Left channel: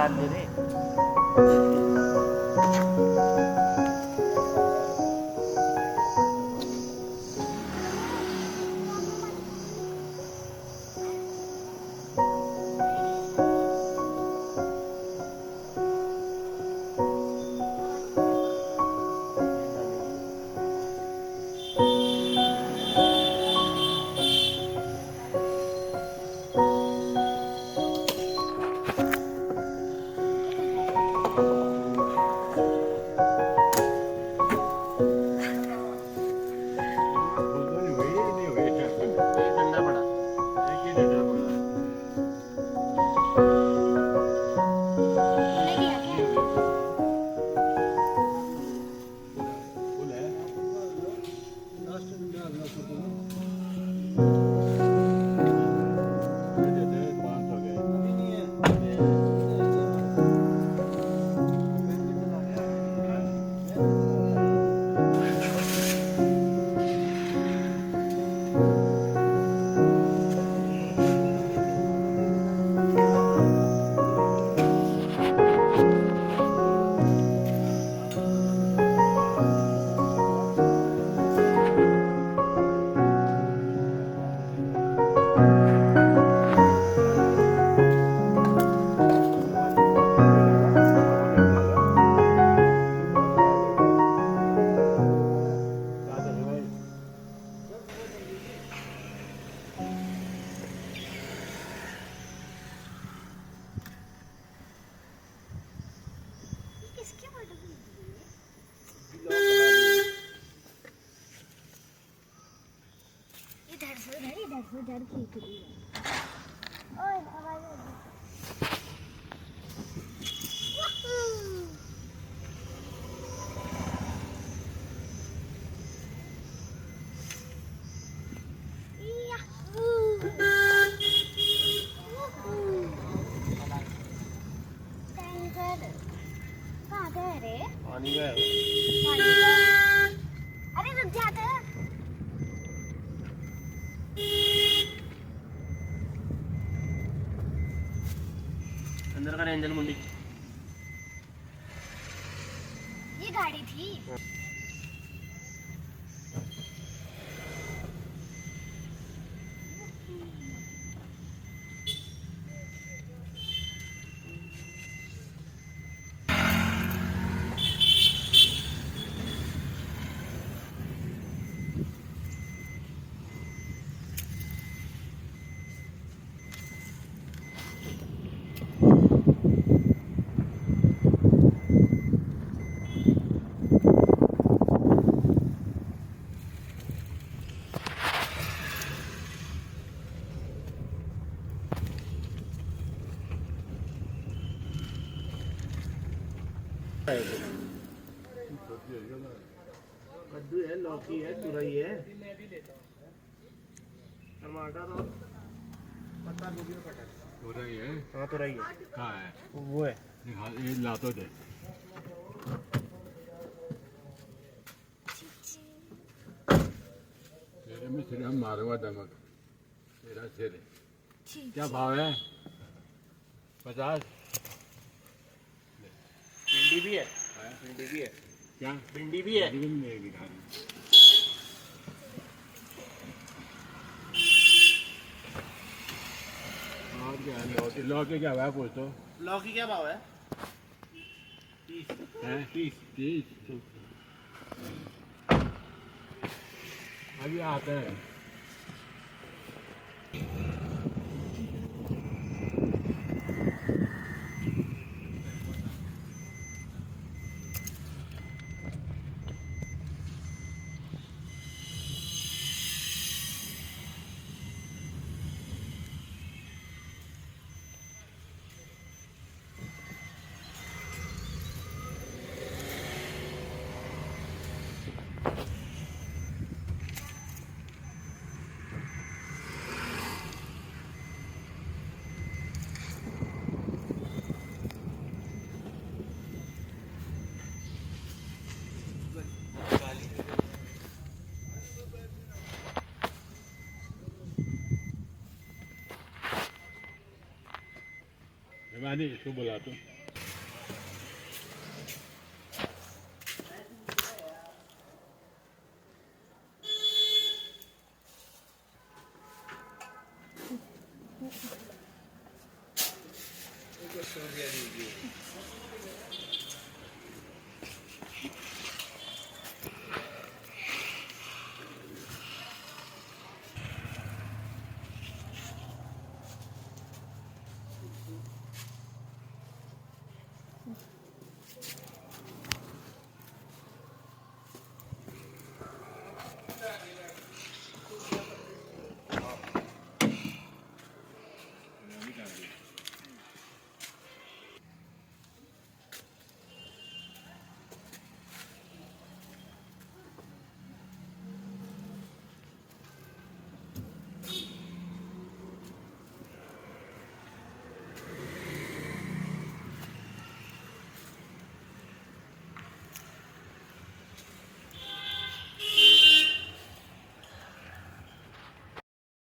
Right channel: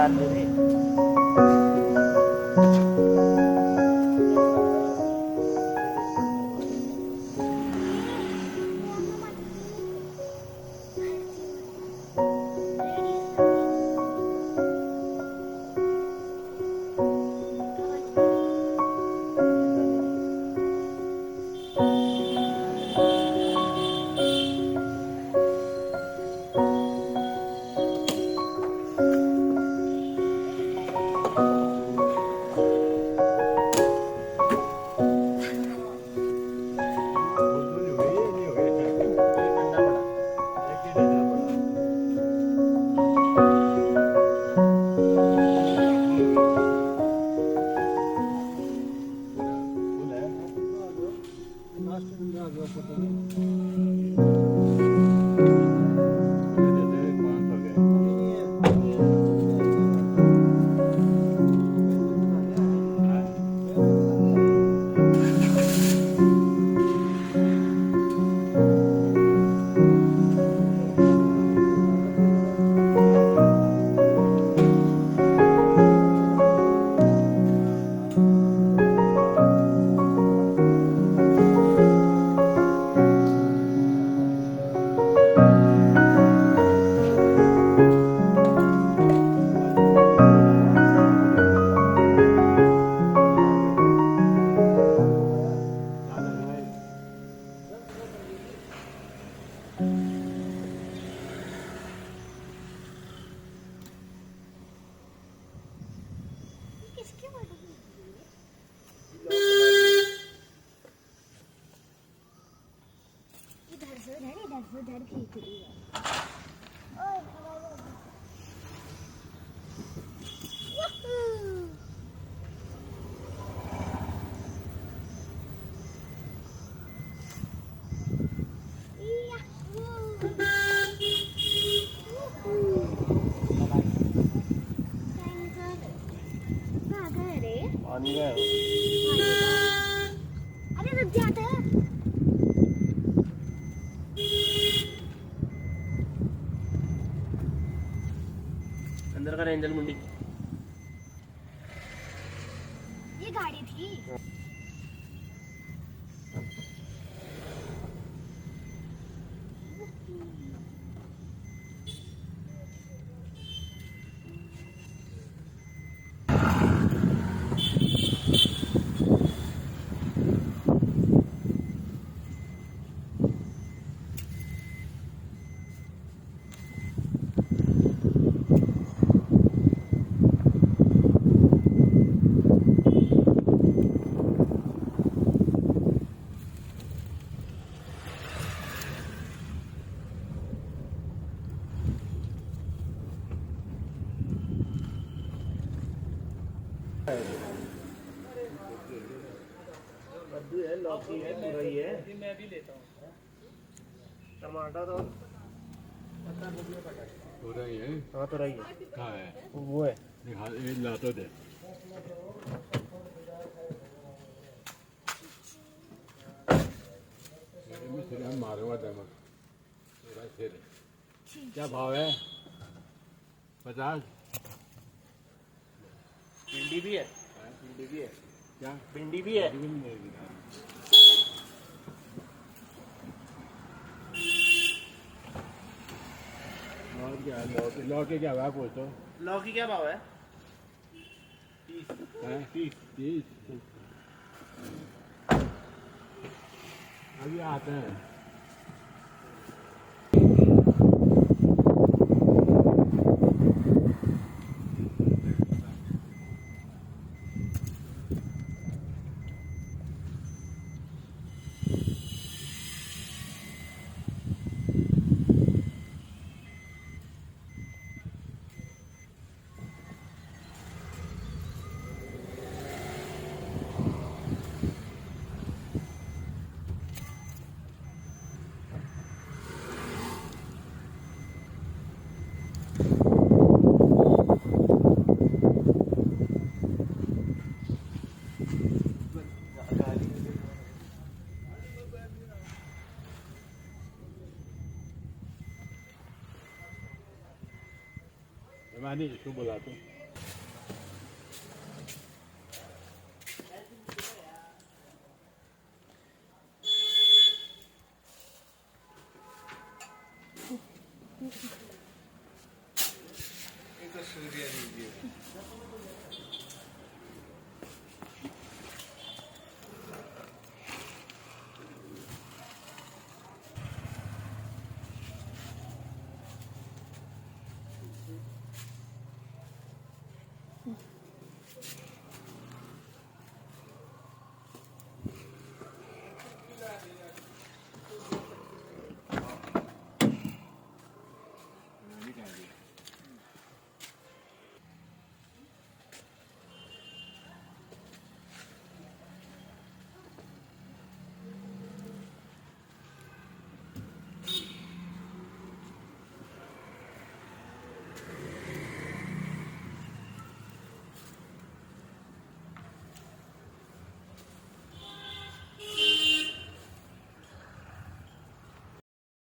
साथ दे दे। अरे रुक जाता अंदर का रेंजल मुंडी ये गाड़ी थी। कद्दू है, लौकी है, तुरई है। मैं भी लेता हूँ। टमाटर और पत्ता गोभी और कटहल। तुरई है? हाँ तुरई है। कहाँ है? वो है। हाँ, ये ला तो दे। तेरे में सिर हम मारूंगा दमक। तेरा सिर है। क्या भाव है? 50? भिंडी भी है। भिंडी भी है। क्या? भिंडी भी है। भिंडी भी मिलेगी। और क्या? लौकी क्या भाव पूछो? लौकी क्या भाव है? 30 है? 30। अभी आते हैं। मानी इसको बुला तो ये तो सूर्य जी